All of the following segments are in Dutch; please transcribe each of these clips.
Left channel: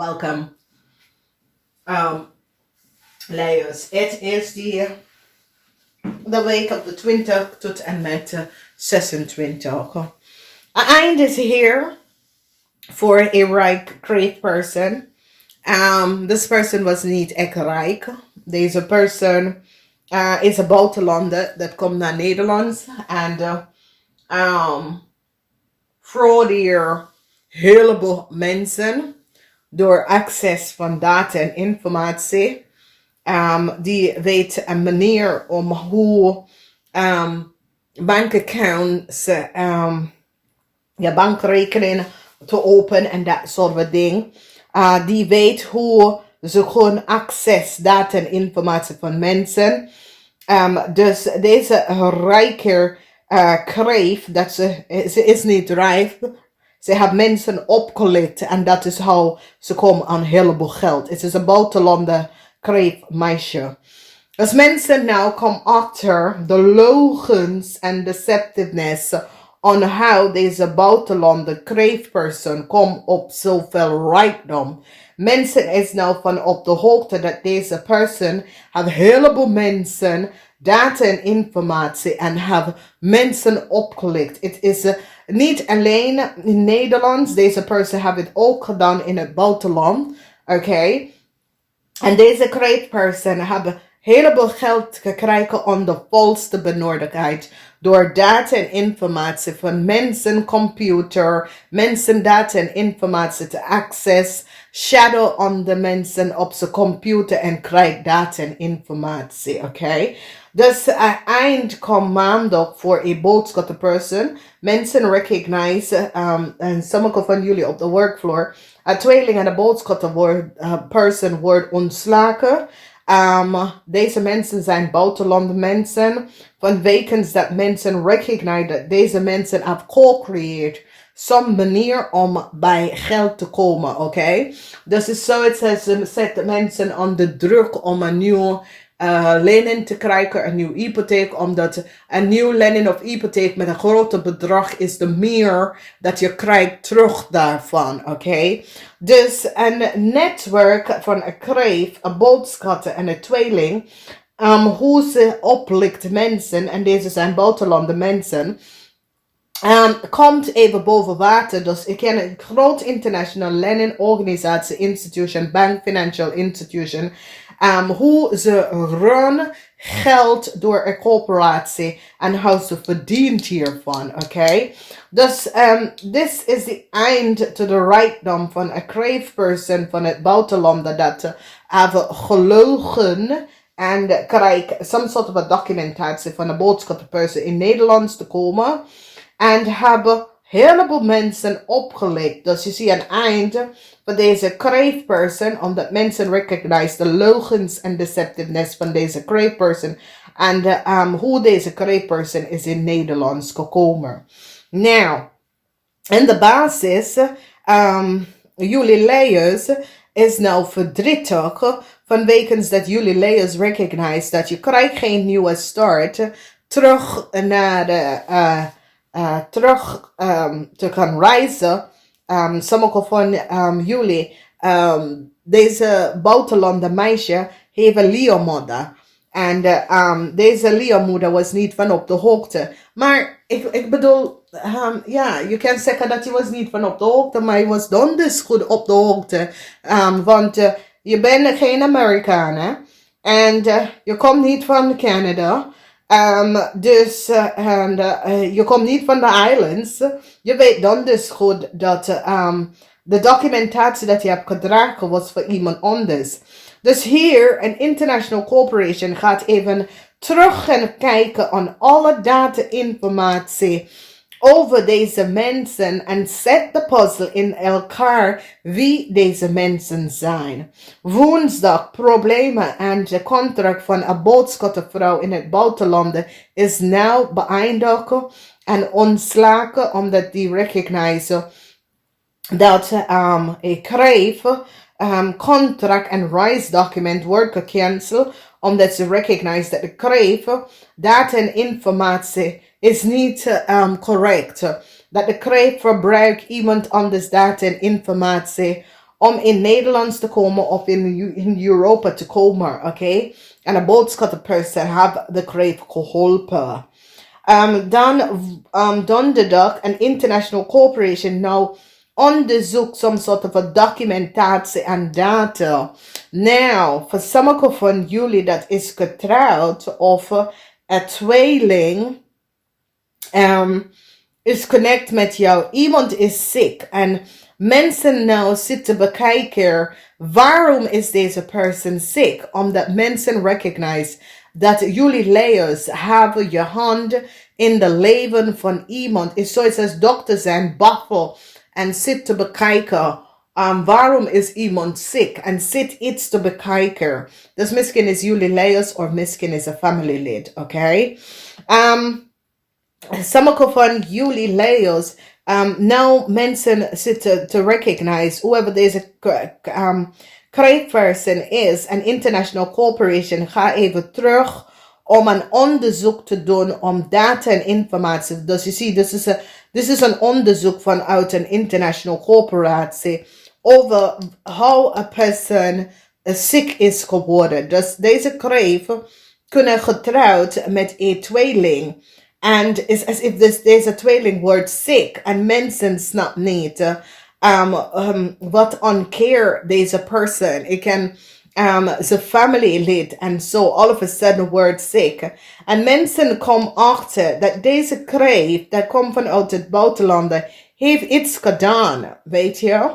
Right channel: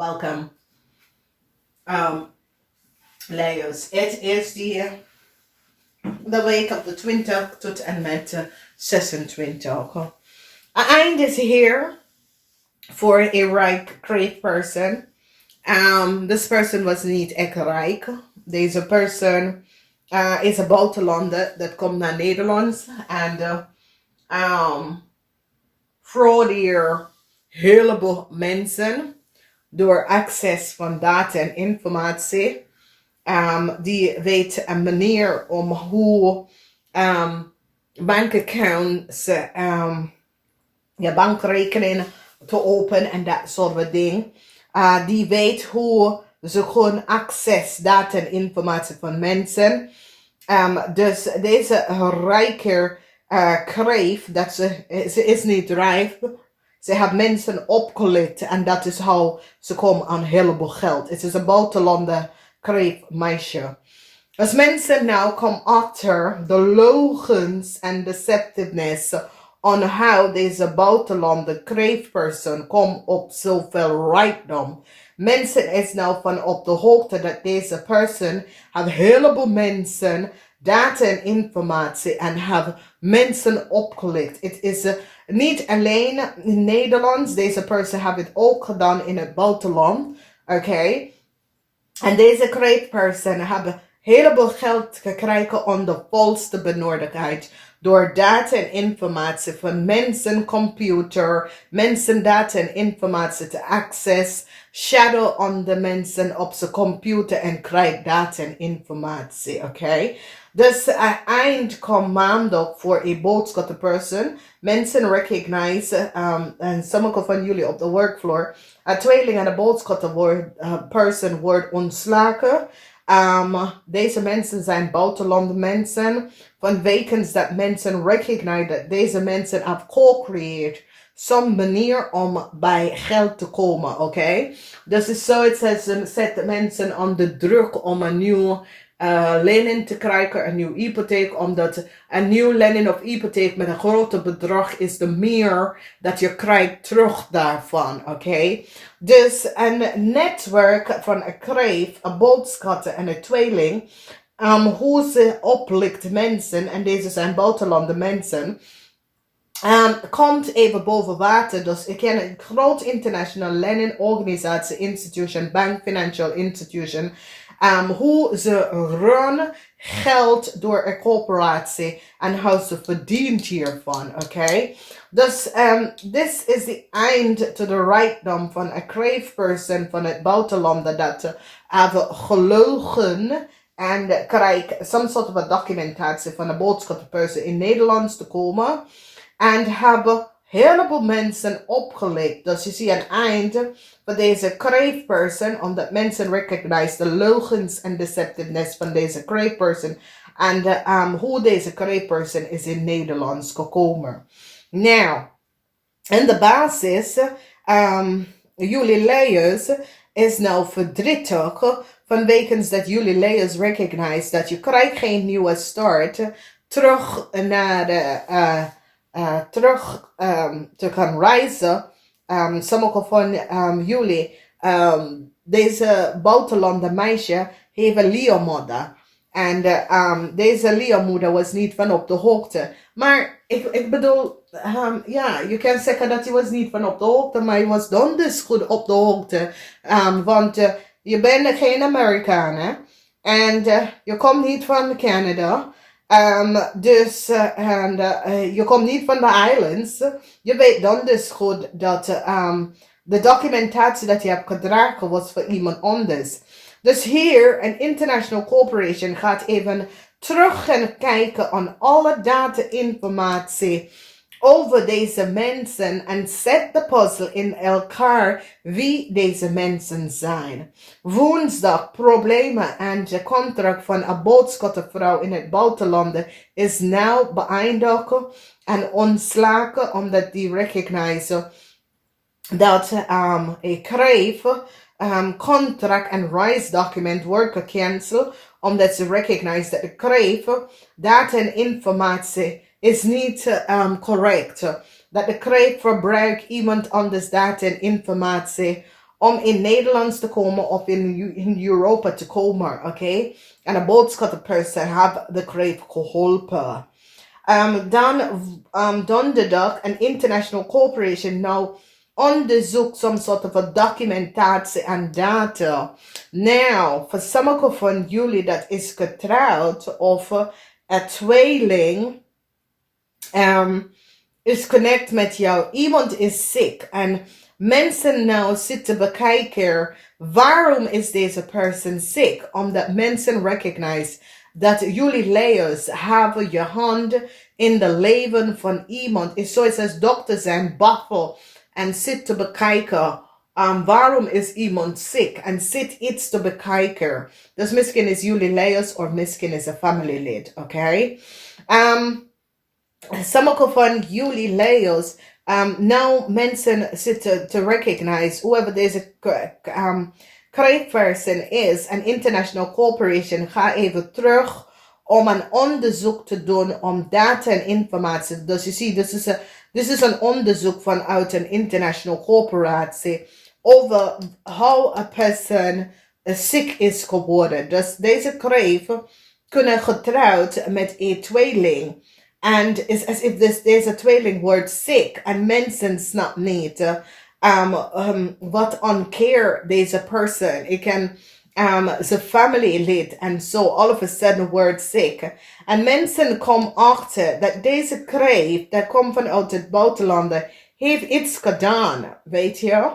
Welcome, Leeuws. Het is de week op de 20 tot en met 26. Eind is here for a ripe, great person. This person was niet echt rijk. Deze person is een buitenlander dat komt naar Nederland. En voor hier heleboel mensen door access van data en informatie. Die weet een manier om hoe bankaccounts, bankrekeningen te openen en dat soort dingen. Die weet hoe ze gewoon access data en informatie van mensen. Dus deze rijke kreef, dat ze is niet rijk. Ze hebben mensen opgelicht en dat is hoe ze komen aan een heleboel geld. Het is een buitenlander kreef meisje. Als mensen nou komen achter de logens en deceptiveness on how deze buitenlander kreefperson komt op zoveel rijkdom. Mensen is nou van op de hoogte dat deze persoon heeft een heleboel mensen data en informatie en hebben mensen opgelicht. Het is niet alleen in Nederland. Deze persoon heeft het ook gedaan in het buitenland. Oké. En deze great person hebben heleboel geld gekregen om de volste benodigdheid. Door data en informatie van mensen, computer, mensen data en informatie te access. Shadow on de mensen op zijn computer en krijgt data en informatie. Oké. Dus eind komt maandag voor een boodschap person. Mensen recognize, en sommige van jullie op de workfloor, een tweeling en een boodschap person wordt ontslagen. Deze mensen zijn buitenlandse mensen. Van wekens dat mensen recognize dat deze mensen hebben co-creëerd. Some manier om bij geld te komen, oké? Dus het is zoiets ze zetten mensen onder druk om een nieuw lening te krijgen, een nieuw hypotheek, omdat een nieuw lening of hypotheek met een groter bedrag is de meer dat je krijgt terug daarvan, oké? Dus een netwerk van een kreef, een boodschap en een tweeling, hoe ze oplicht mensen, en deze zijn buitenlandse mensen, komt even boven water. Dus ik ken een groot international leningorganisatie, institution, bank, financial institution. Hoe ze runnen geld door een corporatie en hoe ze verdient hiervan, oké? Dus dit is de eind to the rijkdom van een crave person van het buitenland dat hebben gelogen en krijgt some sort of a documentatie van een boodschapperperson in Nederlands te komen. En hebben heleboel mensen opgelicht. Dus je ziet een eind van deze crave person. Omdat mensen recognize de logens en deceptiveness van deze crave person. En hoe deze crave person is in Nederlands gekomen. Nou, in de basis, jullie Leeuws is nou verdrietig. Vanwege dat jullie Leeuws recognize dat je krijgt geen nieuwe start. Terug naar de terug te gaan reizen. Sommige van jullie, deze buitenlandse meisje heeft een leermoeder. En deze leermoeder was niet van op de hoogte. Maar ik bedoel, je kan zeggen dat hij was niet van op de hoogte, maar hij was donders goed op de hoogte. Want je bent geen Amerikaan, hè? En je komt niet van Canada. Dus je komt niet van de islands. Je weet dan dus goed dat de documentatie dat je hebt gedragen was voor iemand anders. Dus hier, een international corporation gaat even terug gaan kijken aan alle data-informatie over deze mensen en zet de puzzel in elkaar wie deze mensen zijn. Woensdag problemen en de contract van een boodschappenvrouw in het buitenland is nou beëindigd en ontslagen omdat die recognize dat ik kreeg contract en reisdocument wordt gecanceld omdat ze recognize dat de kreeg data en informatie is niet correct. Dat de kreeg verbruikt iemand anders data en informatie om in Nederlands te komen of in Europa te komen, oké? En een boodschappenperson heeft de kreef geholpen. Dan donderdag een international corporation nou onderzoekt some sort of a documentatie en data. Nou, voor sommige van jullie dat is getrouwd of een tweeling is connect met jou. Iemand is ziek en mensen nou zitten bekijken waarom is deze persoon ziek. Omdat mensen recognize dat jullie layers hebben je hand in de leven van iemand. Is zoals als dokters zijn baffel en zit te bekijken. Waarom is iemand ziek? En zit iets te bekijken. Dus misschien is jullie layers of misschien is een familielid. Oké? Sommige van jullie layers nou mensen zitten te recognize whoever deze kreefperson is, een international corporation, ga even terug om een onderzoek te doen om data en informatie. Dus je ziet, dit is een onderzoek vanuit een international corporatie over hoe een persoon ziek is geworden. Dus deze kreef kunnen getrouwd met een tweeling. And it's as if deze tweeling wordt ziek en mensen snappen niet wat onkeer deze persoon. Ik ken zijn familielid en zo all of a sudden wordt ziek. En mensen komen achter dat deze kreef, dat komt vanuit het buitenland, heeft iets gedaan, weet je.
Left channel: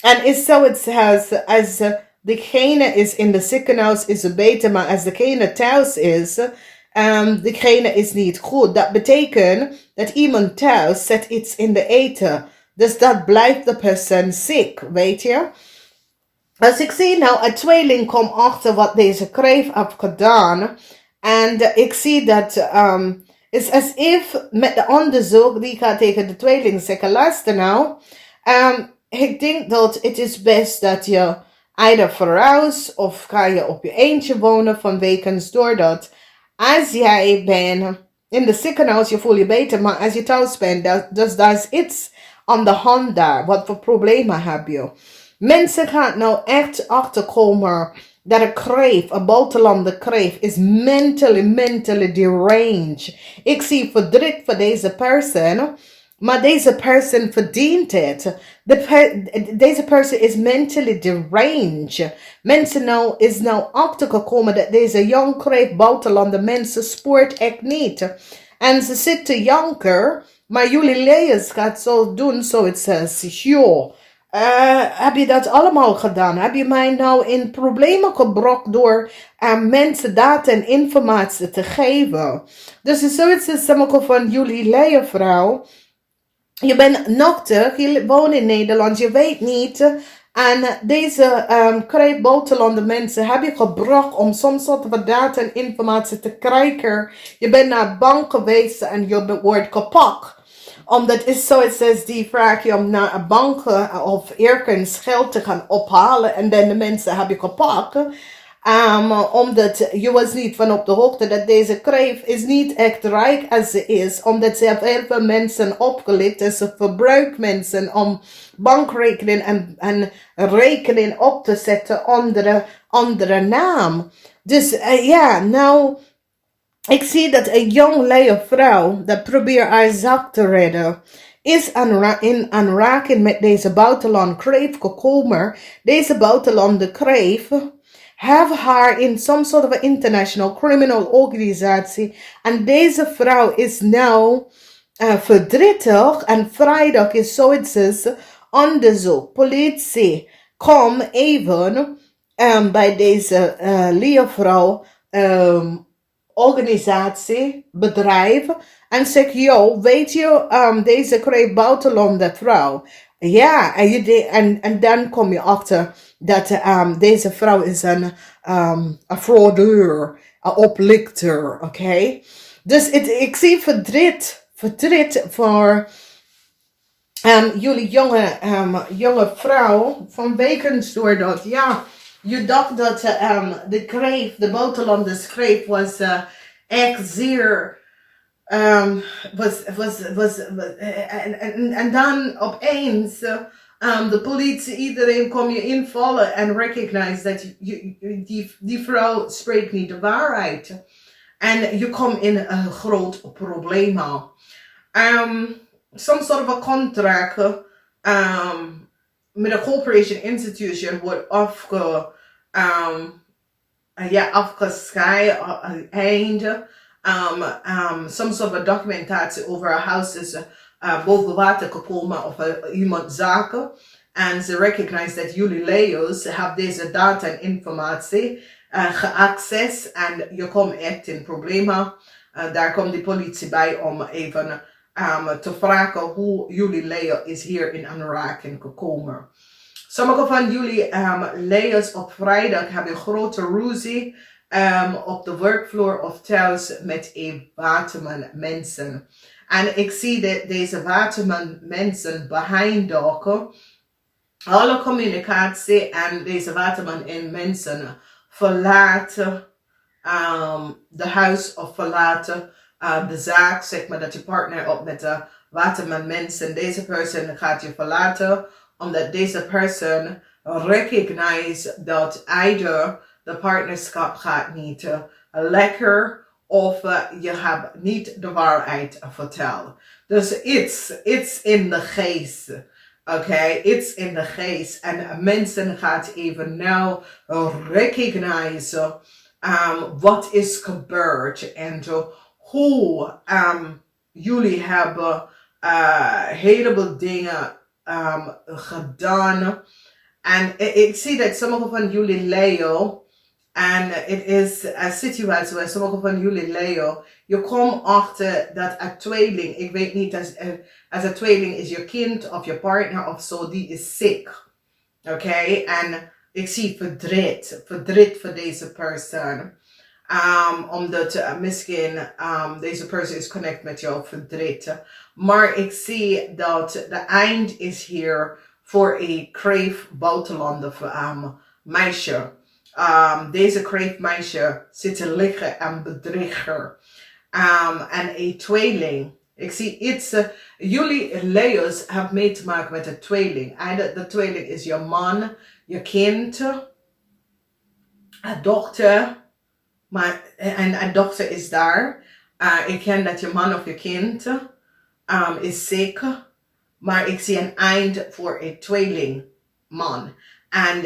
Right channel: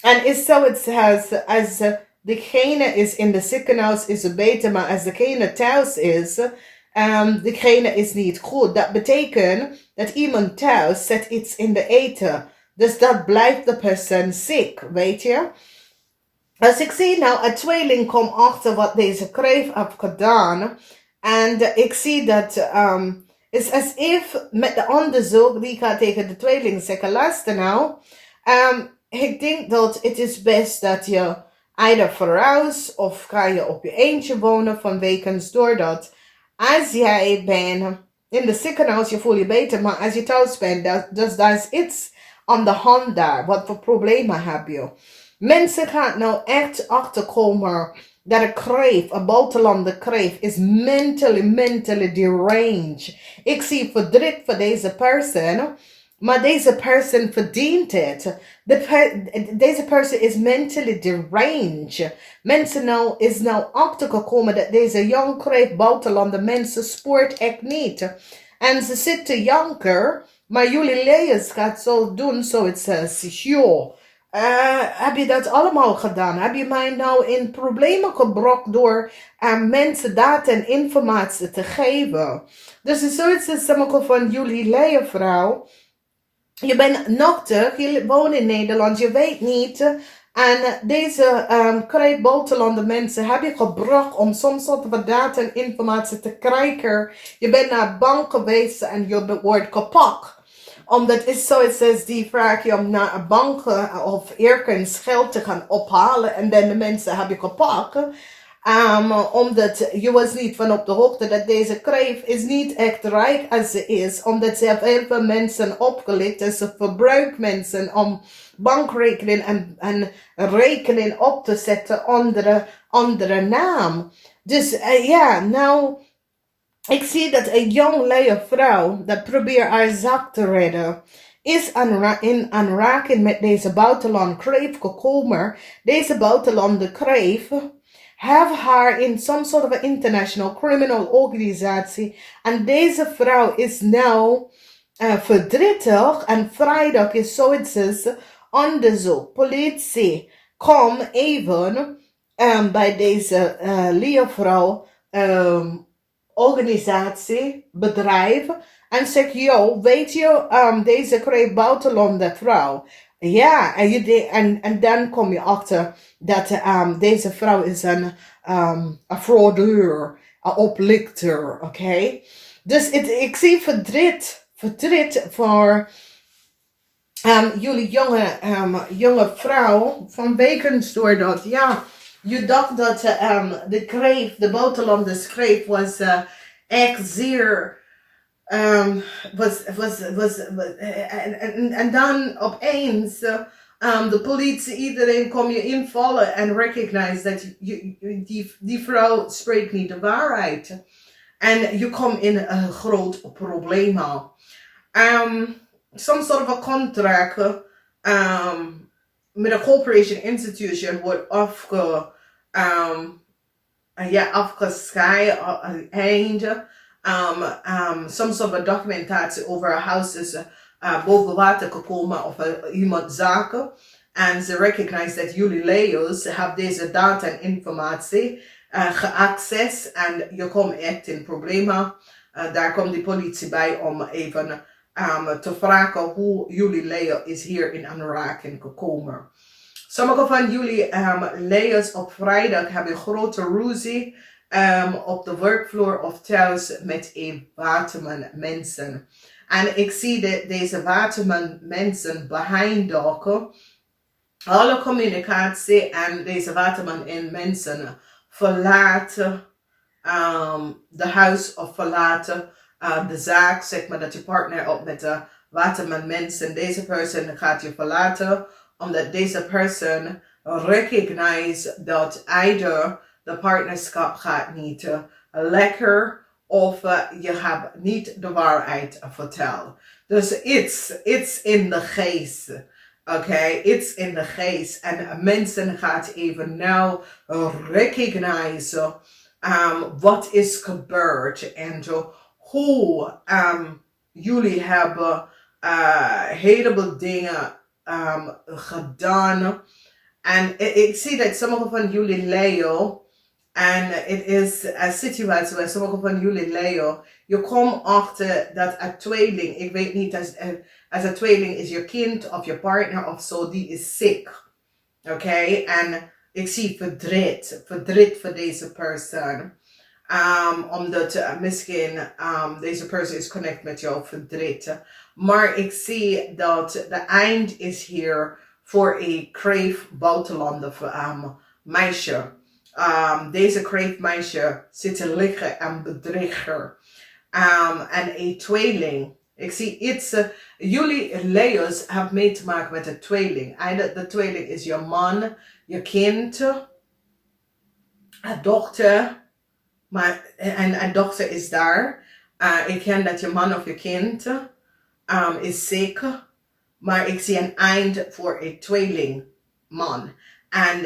En is zoiets als degene is in de ziekenhuis is het beter, maar als degene thuis is, degene is niet goed. Dat betekent dat iemand thuis zet iets in de eten. Dus dat blijft de persoon ziek, weet je. Als ik zie nou, een tweeling komt achter wat deze kreef heeft gedaan. En ik zie dat is as if met de onderzoek die gaat tegen de tweeling zeggen, luister nou. Ik denk dat het is best dat je either verhuist of ga je op je eentje wonen vanwege doordat als jij bent in de ziekenhuis, je voelt je beter, maar als je thuis bent, daar is iets aan de hand daar. Wat voor problemen heb je? Mensen gaan nou echt achterkomen dat een kreef, een buitenlandse kreef, is mentally deranged. Ik zie verdriet voor deze persoon, maar deze persoon verdient het. Deze persoon is mentally deranged. Mensen nou is nou achtergekomen dat deze young kreef buitenlandse mensen spoort echt niet. En ze zitten janker, maar jullie layers gaat zo doen zoiets als, joh, heb je dat allemaal gedaan? Heb je mij nou in problemen gebracht door mensen data en informatie te geven? Dus het is zoiets als sommige van jullie layervrouw. Je bent nuchter, je woont in Nederland, je weet niet. En deze kreef buitenlandse mensen heb je gebracht om soms soort van data en informatie te krijgen. Je bent naar de bank geweest en je wordt gepakt. Omdat het zoiets is die vraag je om naar een bank of ergens geld te gaan ophalen. En dan de mensen heb je gepakt. Omdat je was niet van op de hoogte dat deze kreef is niet echt rijk als ze is. Omdat ze heeft heel veel mensen opgelicht. En ze verbruikt mensen om bankrekening en rekening op te zetten onder andere naam. Dus ja, nou, ik zie dat een jonge vrouw dat probeert haar zak te redden, is in aanraking met deze buitenland kreef gekomen. Deze buitenlandse kreef have haar in some sort of an international criminal organisatie. En deze vrouw is nou verdrietig. En vrijdag is zoiets als onderzoek. Politie, kom even bij deze leervrouw organisatie, bedrijf. En zeg, yo, weet je, deze kreeg buitenlandse vrouw. Ja, en dan kom je achter dat deze vrouw is een fraudeur, een oplichter, oké? Dus ik zie verdriet voor jullie jonge vrouw vanwege doordat, ja, je dacht dat de kreef, de buitenlandse kreef was echt zeer en dan opeens De politie, iedereen kom je invallen en recognize dat die vrouw spreekt niet de waarheid. En je komt in een groot probleem. Some sort of a contract met een corporation institution wordt afgescheiden. Some sort of documentatie over een huis is boven water gekomen of iemand zaken. En ze recognize dat jullie Leo's hebben deze data en informatie geaccess en je komt echt in problemen. Daar komt de politie bij om even te vragen hoe jullie Leo is hier in aanraking gekomen. Sommige van jullie Leo's op vrijdag hebben een grote ruzie op de werkvloer of thuis met een waterman mensen. En ik zie deze waterman mensen behind dokken. Alle communicatie en deze waterman en mensen verlaten de huis of verlaten de zaak, zeg maar dat je partner op met de waterman mensen. Deze persoon gaat je verlaten omdat deze persoon recognize dat either de partnerschap gaat niet lekker of je hebt niet de waarheid verteld. Dus it's in the geest. Okay, it's in the geest. En mensen gaat even nou recognize wat is gebeurd en hoe jullie hebben heleboel dingen gedaan. En ik zie dat sommige van jullie Leo, en het is een situatie waar sommige van jullie Leo, je komt achter dat een tweeling, ik weet niet, als een tweeling is je kind of je partner of zo, die is ziek. Oké, en ik zie verdriet voor deze persoon. Omdat misschien deze persoon is connect met jouw verdriet. Maar ik zie dat de eind is hier voor een kreef buitenlander meisje. Deze kreef meisje zit te liggen en bedrieger. En een tweeling. Ik zie iets. Jullie Leo's hebben mee te maken met een tweeling. De tweeling is je man, je kind, een dochter. En een dochter is daar. Ik ken dat je man of je kind is ziek. Maar ik zie een eind voor een tweeling man. En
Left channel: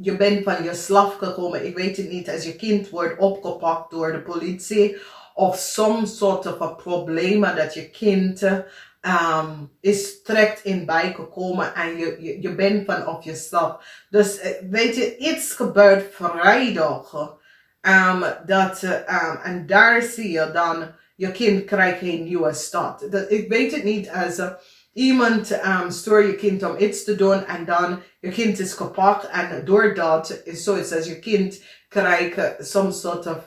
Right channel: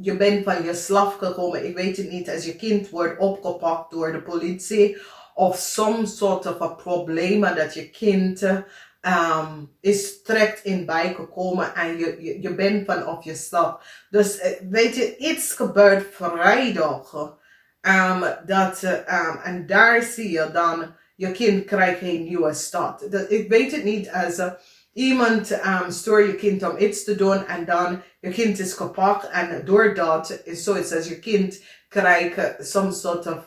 je bent van je slaaf gekomen. Ik weet het niet. Als je kind wordt opgepakt door de politie. Of some soort van problemen dat je kind is terecht in bijgekomen. En je bent van op je slaaf. Dus weet je, iets gebeurt vrijdag. En daar zie je dan, je kind krijgt een nieuwe start. Ik weet het niet als iemand stuurt je kind om iets te doen en dan je kind is gepakt en doordat is zoiets als je kind krijgt some soort of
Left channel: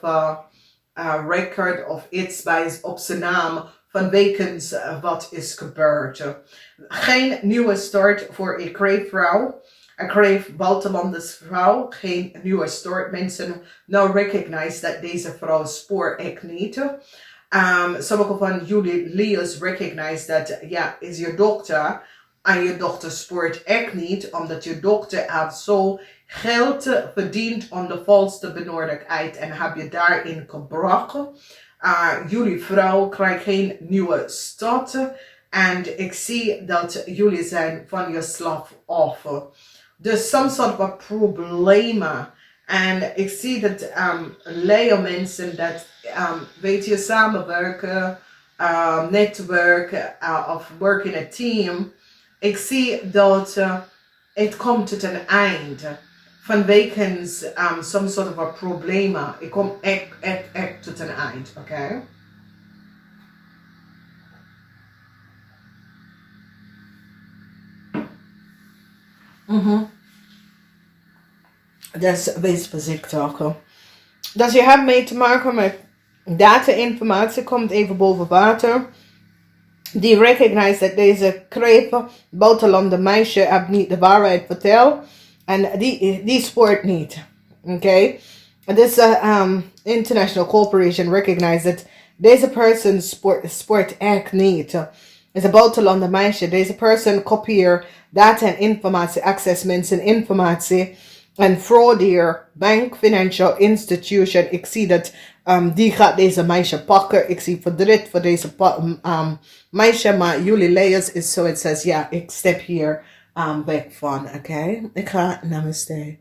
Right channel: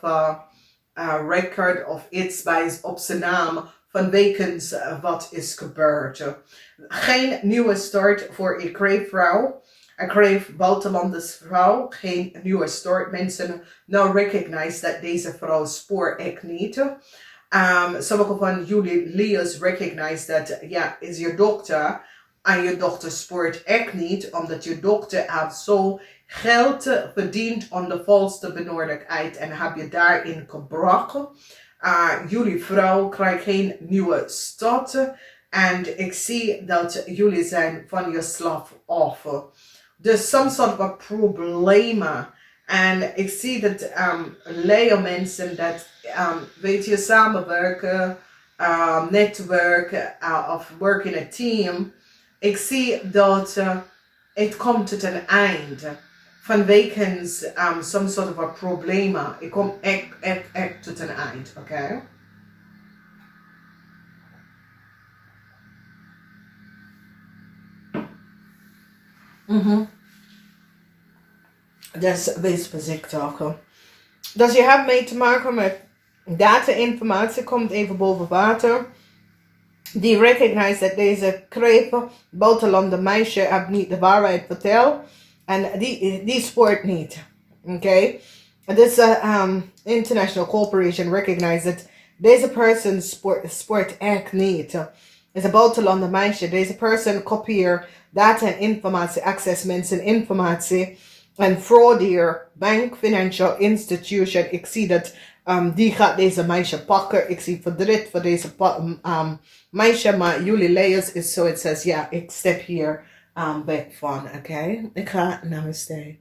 record of iets op zijn naam vanwege wat is gebeurd. Geen nieuwe start voor een kreefvrouw. Een kreef buitenlandse vrouw, geen nieuwe start. Mensen nou recognize dat deze vrouw spoort echt niet. Sommige van jullie Leo's recognize dat is je dochter en je dochter spoort echt niet, omdat je dochter heeft zo geld verdiend onder valse benodigdheid en heb je daarin gebroken. Jullie vrouw krijgt geen nieuwe start en ik zie dat jullie zijn van je slaaf af. Dus some sort of problemen. En ik zie dat Leo mensen dat weet je samenwerken, netwerken of work in a team. Ik zie dat het komt tot een eind. Vanwege some sort of problemen. Ik kom echt tot een eind, oké? Dat is bezichtigen. Dus je hebt mee te maken met data-informatie, komt even boven water. Die recognize dat deze krepen, buitenlandse meisje, heeft niet de waarheid verteld. En die spoort niet. Oké? This international corporation recognize that deze person sport echt niet. is een buitenlander meisje. Deze person kopieert data en informatie, access mensen informatie en fraudeer bank, financial institution. Ik zie dat die gaat deze meisje pakken. Ik zie verdriet voor deze meisje, maar jullie layers is zo, het says, ja, ik step hier weg van, oké? Ik ga, namaste.